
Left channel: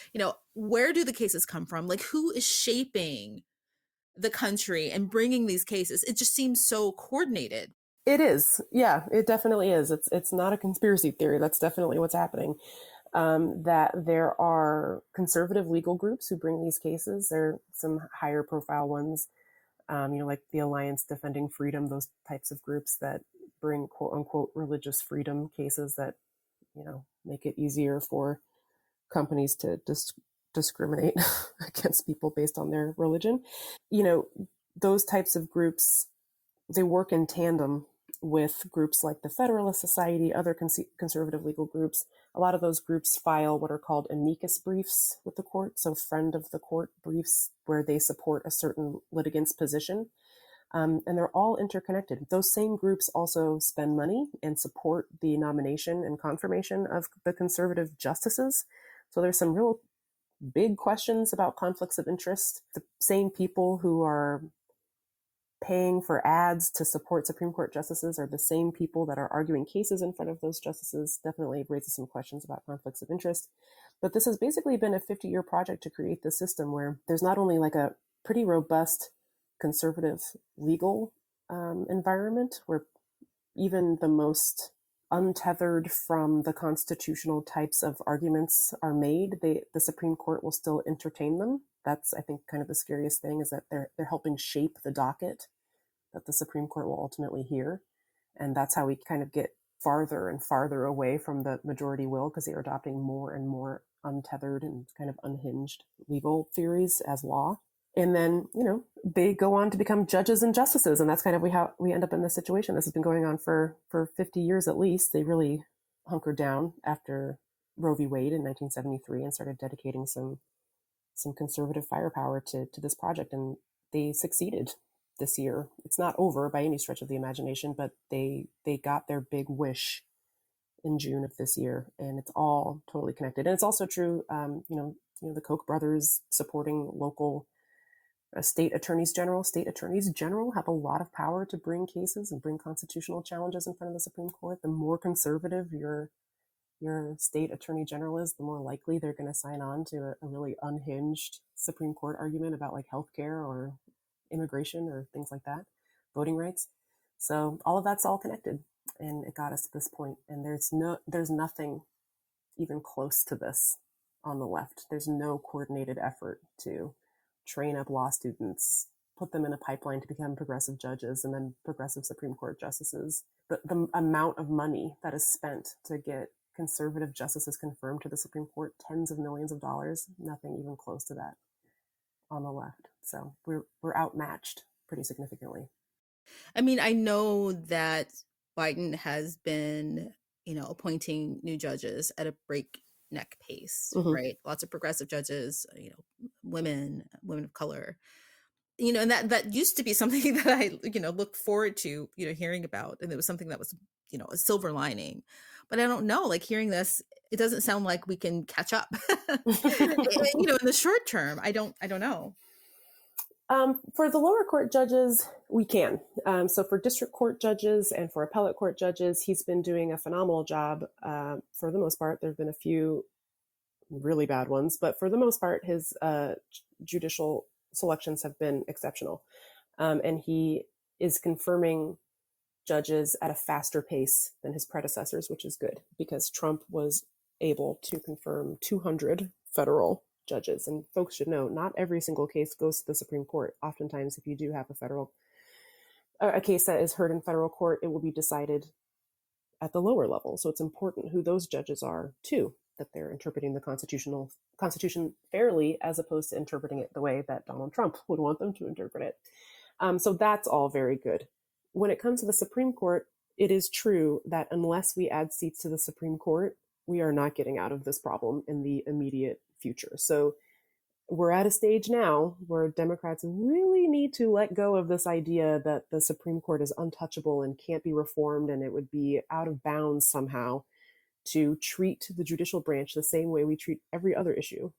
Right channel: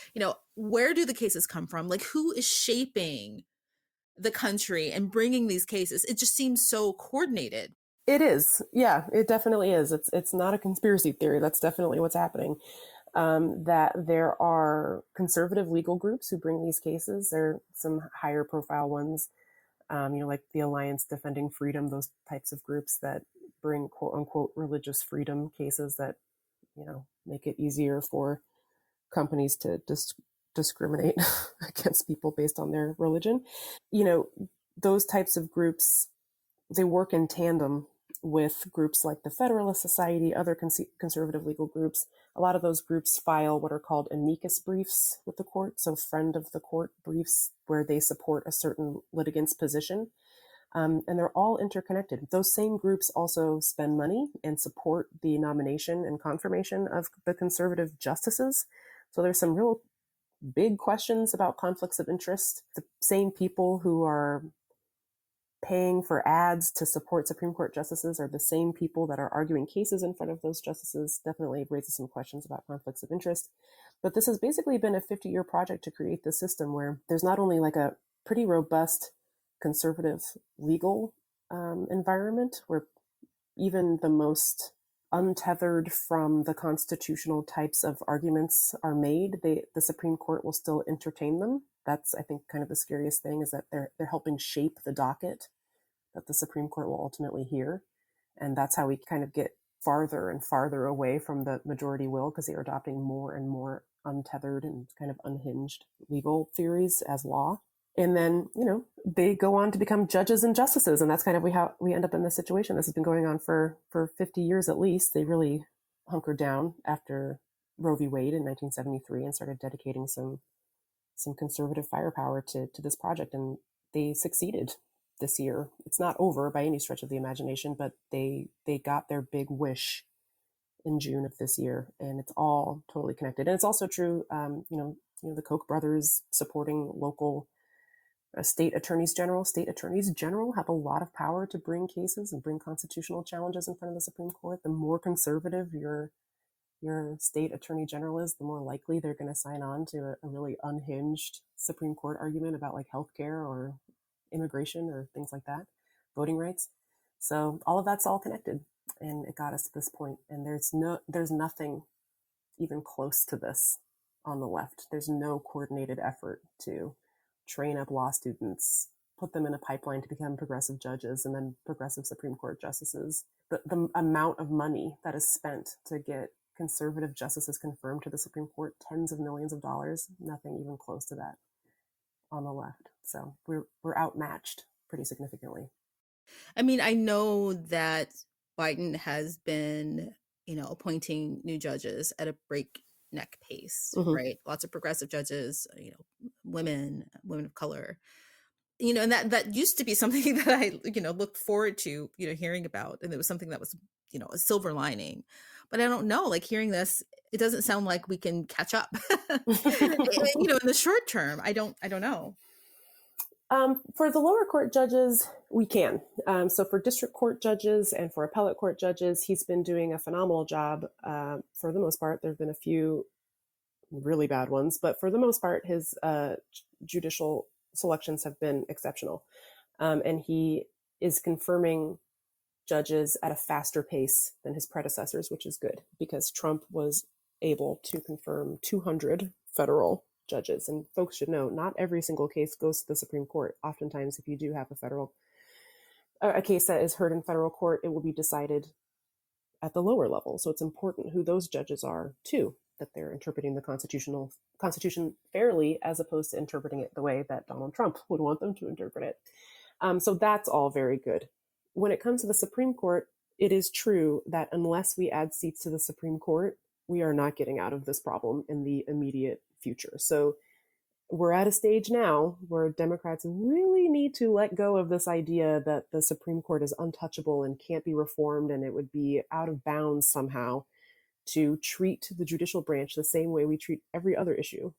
Where do the cases come from? Who is shaping the country and bringing these cases? It just seems so coordinated. It is. Yeah, it definitely is. It's not a conspiracy theory. That's definitely what's happening. That there are conservative legal groups who bring these cases. There are some higher profile ones, like the Alliance Defending Freedom, those types of groups that bring quote unquote religious freedom cases that, make it easier for companies to discriminate against people based on their religion. Those types of groups, they work in tandem with groups like the Federalist Society, other conservative legal groups. A lot of those groups file what are called amicus briefs with the court, so friend of the court briefs, where they support a certain litigant's position. And they're all interconnected. Those same groups also spend money and support the nomination and confirmation of the conservative justices. So there's some real big questions about conflicts of interest. The same people who are paying for ads to support Supreme Court justices are the same people that are arguing cases in front of those justices. Definitely raises some questions about conflicts of interest. But this has basically been a 50-year project to create this system where there's not only a pretty robust conservative legal environment where even the most untethered from the constitutional types of arguments are made, the Supreme Court will still entertain them. That's, I think, kind of the scariest thing, is that they're helping shape the docket that the Supreme Court will ultimately hear. And that's how we kind of get farther and farther away from the majority will, because they are adopting more and more untethered and kind of unhinged legal theories as law. And then, they go on to become judges and justices. And that's kind of how we end up in this situation. This has been going on for 50 years at least. They really hunkered down after Roe v. Wade in 1973 and started dedicating some conservative firepower to this project. And they succeeded. this year. It's not over by any stretch of the imagination, but they got their big wish in June of this year, and it's all totally connected. And it's also true, the Koch brothers supporting local state attorneys general. State attorneys general have a lot of power to bring cases and bring constitutional challenges in front of the Supreme Court. The more conservative your state attorney general is, the more likely they're going to sign on to a really unhinged Supreme Court argument about like healthcare or immigration or things like that, voting rights. So all of that's all connected, and it got us to this point. And there's nothing even close to this on the left. There's no coordinated effort to train up law students, put them in a pipeline to become progressive judges and then progressive Supreme Court justices. The amount of money that is spent to get conservative justices confirmed to the Supreme Court, tens of millions of dollars, nothing even close to that on the left. So we're outmatched pretty significantly. I mean, I know that Biden has been, appointing new judges at a breakneck pace, right? Lots of progressive judges, women of color, and that used to be something that I, looked forward to, hearing about. And it was something that was, a silver lining. But I don't know, like hearing this, it doesn't sound like we can catch up, in the short term. I don't know. For the lower court judges, we can. So for district court judges and for appellate court judges, he's been doing a phenomenal job. For the most part, there have been a few really bad ones, but for the most part, his judicial selections have been exceptional. And he is confirming judges at a faster pace than his predecessors, which is good because Trump was able to confirm 200 federal judges. And folks should know, not every single case goes to the Supreme Court. Oftentimes, if you do have a case that is heard in federal court, it will be decided at the lower level. So it's important who those judges are too, that they're interpreting the Constitution fairly, as opposed to interpreting it the way that Donald Trump would want them to interpret it. So that's all very good. When it comes to the Supreme Court, it is true that unless we add seats to the Supreme Court, we are not getting out of this problem in the immediate future. So we're at a stage now where Democrats really need to let go of this idea that the Supreme Court is untouchable and can't be reformed, and it would be out of bounds somehow to treat the judicial branch the same way we treat every other issue,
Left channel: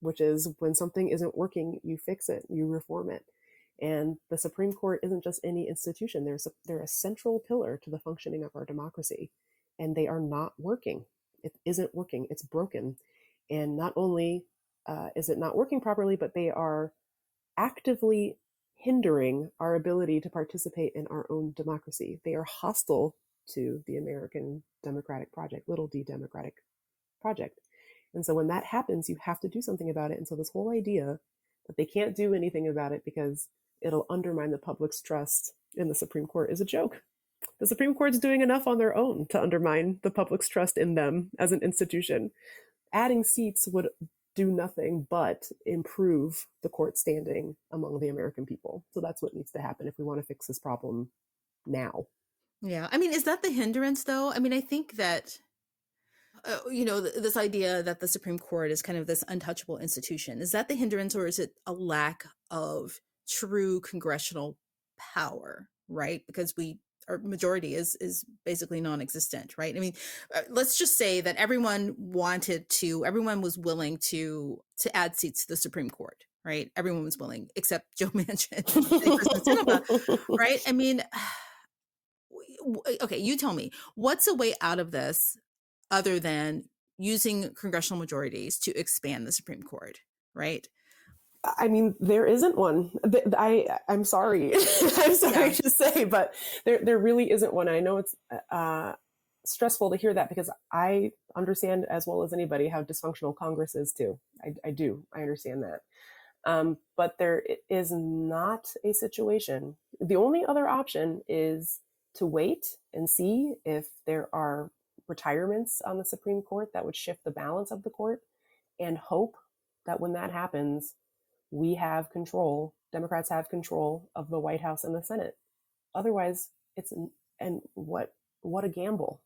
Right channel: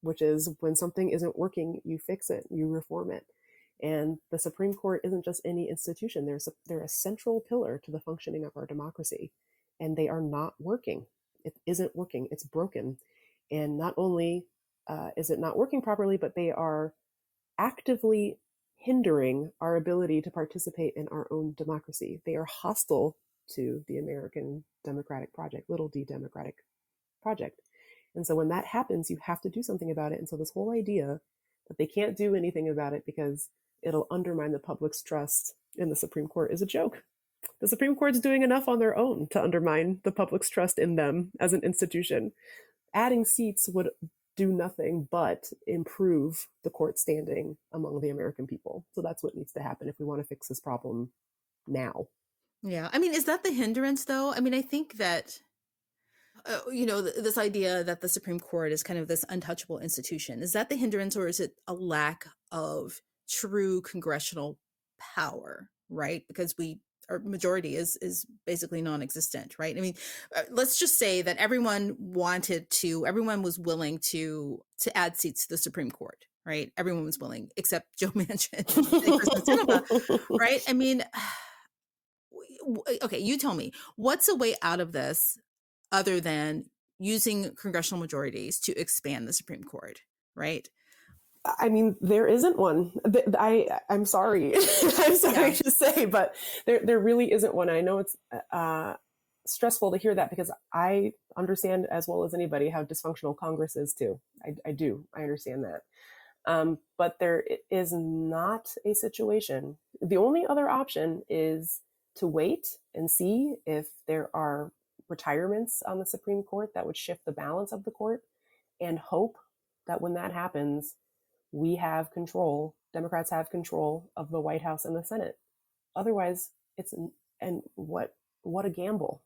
which is when something isn't working, you fix it, you reform it. And the Supreme Court isn't just any institution. They're a central pillar to the functioning of our democracy, and they are not working. It isn't working. It's broken. And not only is it not working properly, but they are actively hindering our ability to participate in our own democracy. They are hostile to the American democratic project, little d democratic project. And so when that happens, you have to do something about it. And so this whole idea that they can't do anything about it because it'll undermine the public's trust in the Supreme Court is a joke. The Supreme Court's doing enough on their own to undermine the public's trust in them as an institution. Adding seats would do nothing but improve the court standing among the American people. So that's what needs to happen if we want to fix this problem now. Yeah. I mean, is that the hindrance, though? I mean, I think that, this idea that the Supreme Court is kind of this untouchable institution, is that the hindrance, or is it a lack of true congressional power, right? Because our majority is basically non-existent, right? I mean, let's just say that everyone was willing to add seats to the Supreme Court, right? Everyone was willing, except Joe Manchin, right? I mean, okay, you tell me, what's a way out of this other than using congressional majorities to expand the Supreme Court, right? I mean, there isn't one. I'm sorry. I'm sorry to say, but there really isn't one. I know it's stressful to hear that because I understand as well as anybody how dysfunctional Congress is too. I do. I understand that. But there is not a situation. The only other option is to wait and see if there are retirements on the Supreme Court that would shift the balance of the court, and hope that when that happens, we have control, Democrats have control of the White House and the Senate. Otherwise, what a gamble,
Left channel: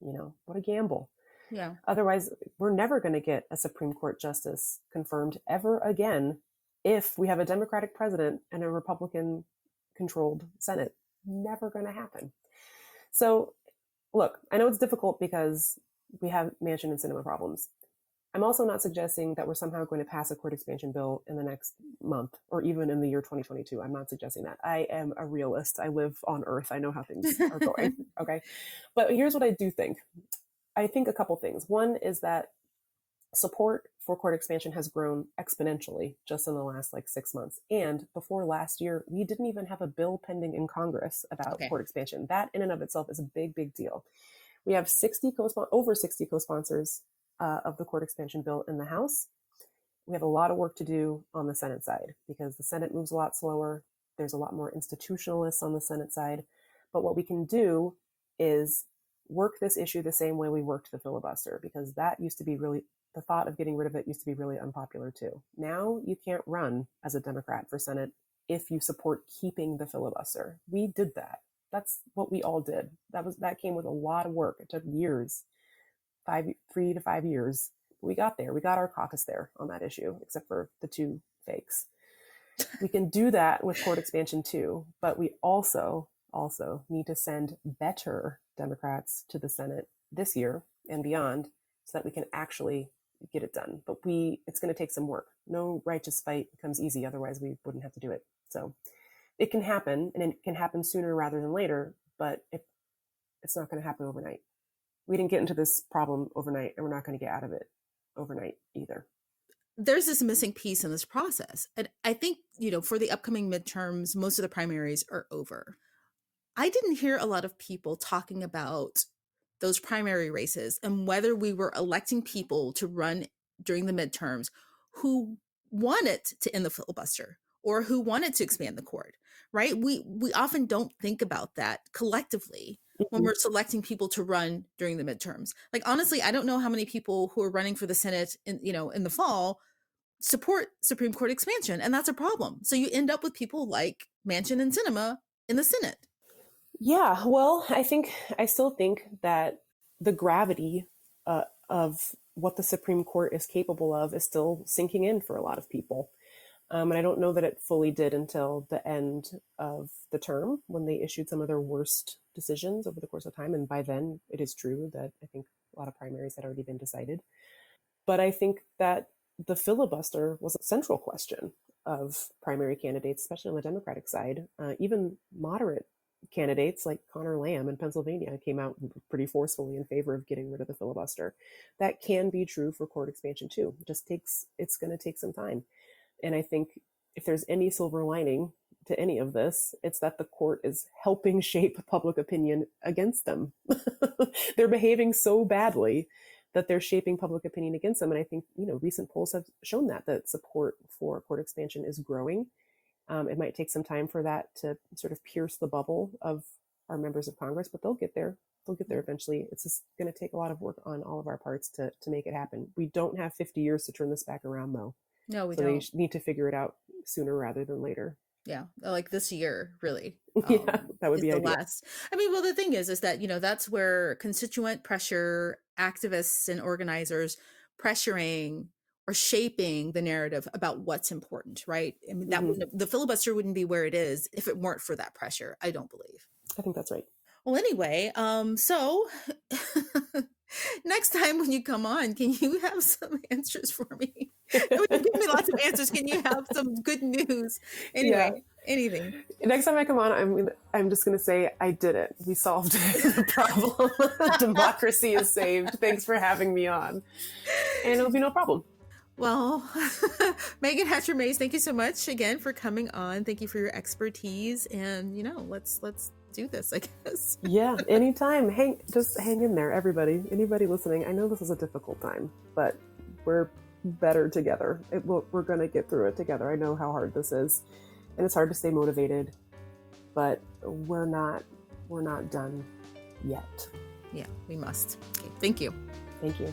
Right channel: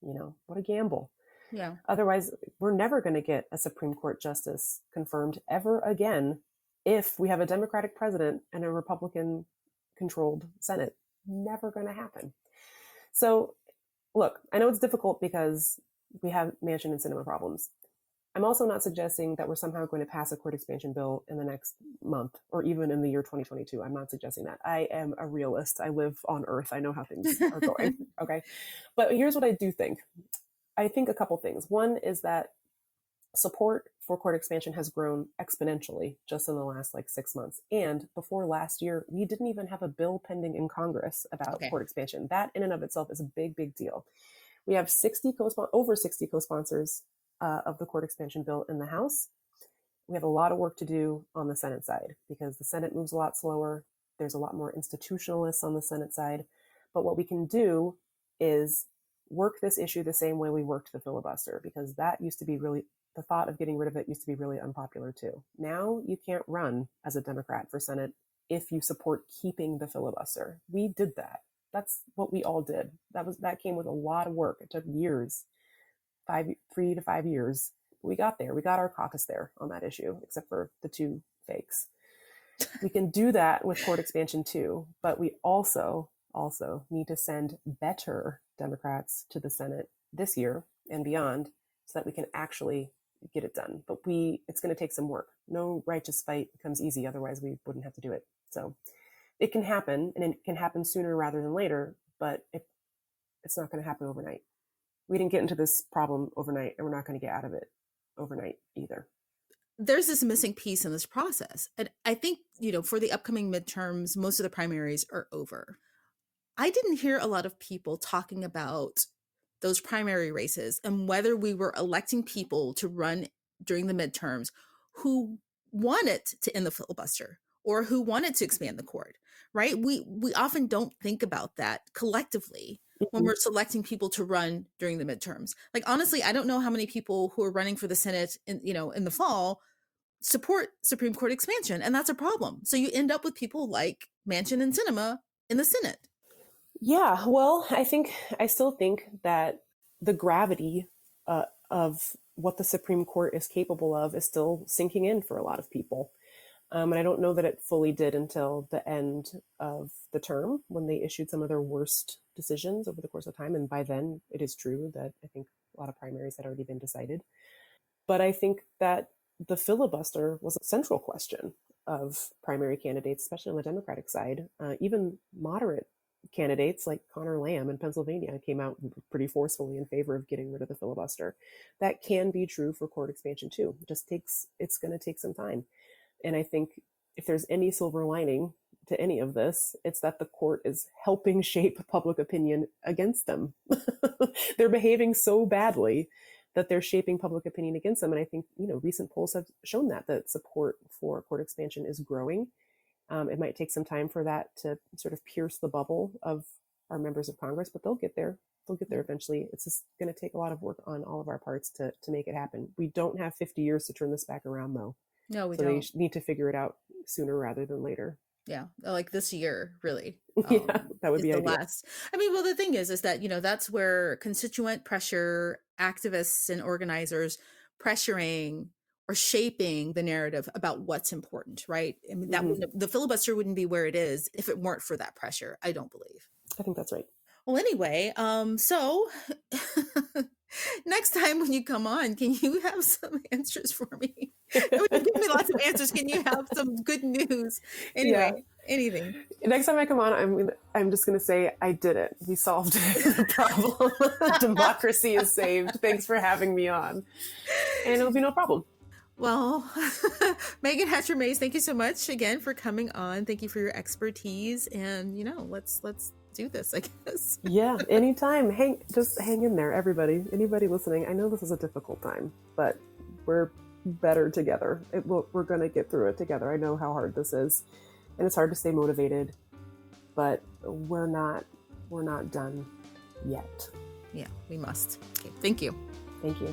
what a gamble. Yeah. Otherwise, we're never going to get a Supreme Court justice confirmed ever again if we have a Democratic president and a Republican controlled Senate. Never going to happen. So look, I know it's difficult because we have Manchin and Sinema problems. I'm also not suggesting that we're somehow going to pass a court expansion bill in the next month or even in the year 2022. I'm not suggesting that. I am a realist. I live on Earth. I know how things are going. Okay. But here's what I do think. I think a couple things. One is that support for court expansion has grown exponentially just in the last 6 months. And before last year, we didn't even have a bill pending in Congress about court expansion. That in and of itself is a big, big deal. We have over 60 co-sponsors of the court expansion bill in the House. We have a lot of work to do on the Senate side because the Senate moves a lot slower. There's a lot more institutionalists on the Senate side. But what we can do is work this issue the same way we worked the filibuster, because that used to be really, the thought of getting rid of it used to be really unpopular too. Now you can't run as a Democrat for Senate if you support keeping the filibuster. We did that. That's what we all did. That came with a lot of work. It took years, 3 to 5 years. But we got there. We got our caucus there on that issue, except for the two fakes. We can do that with court expansion too, but we also need to send better Democrats to the Senate this year and beyond so that we can actually get it done. But it's going to take some work. No righteous fight comes easy. Otherwise we wouldn't have to do it. So it can happen, and it can happen sooner rather than later, but it's not going to happen overnight. We didn't get into this problem overnight, and we're not going to get out of it overnight either. There's this missing piece in this process. And I think, for the upcoming midterms, most of the primaries are over. I didn't hear a lot of people talking about those primary races and whether we were electing people to run during the midterms who wanted to end the filibuster or who wanted to expand the court, right? We often don't think about that collectively when we're selecting people to run during the midterms. Honestly, I don't know how many people who are running for the Senate in the fall support Supreme Court expansion, and that's a problem. So you end up with people like Manchin and Sinema in the Senate. Yeah, well, I still think that the gravity of what the Supreme Court is capable of is still sinking in for a lot of people. And I don't know that it fully did until the end of the term when they issued some of their worst decisions over the course of time. And by then, it is true that I think a lot of primaries had already been decided. But I think that the filibuster was a central question of primary candidates, especially on the Democratic side. Even moderate candidates like Connor Lamb in Pennsylvania came out pretty forcefully in favor of getting rid of the filibuster. That can be true for court expansion too. It's going to take some time. And I think if there's any silver lining to any of this, it's that the court is helping shape public opinion against them. They're behaving so badly that they're shaping public opinion against them. And I think, recent polls have shown that support for court expansion is growing. It might take some time for that to sort of pierce the bubble of our members of Congress, but they'll get there. They'll get there eventually. It's just going to take a lot of work on all of our parts to make it happen. We don't have 50 years to turn this back around, though. No, we don't. They need to figure it out sooner rather than later. Yeah, like this year, really. Yeah, that would be the ideal. last. I mean, well, the thing is that, that's where constituent pressure, activists and organizers pressuring or shaping the narrative about what's important, right? I mean, the filibuster wouldn't be where it is if it weren't for that pressure, I don't believe. I think that's right. Well, anyway, so next time when you come on, can you have some answers for me? You give me lots of answers. Can you have some good news? Anyway, anything. Next time I come on, I'm just going to say I did it. We solved the problem. Democracy is saved. Thanks for having me on. And it'll be no problem. Well, Meagan Hatcher-Mays, thank you so much again for coming on. Thank you for your expertise. And, let's do this, I guess. Yeah, anytime. Just hang in there, everybody. Anybody listening, I know this is a difficult time, but we're better together. We're going to get through it together. I know how hard this is, and it's hard to stay motivated, but we're not done yet. Yeah, we must. Okay, thank you. Thank you.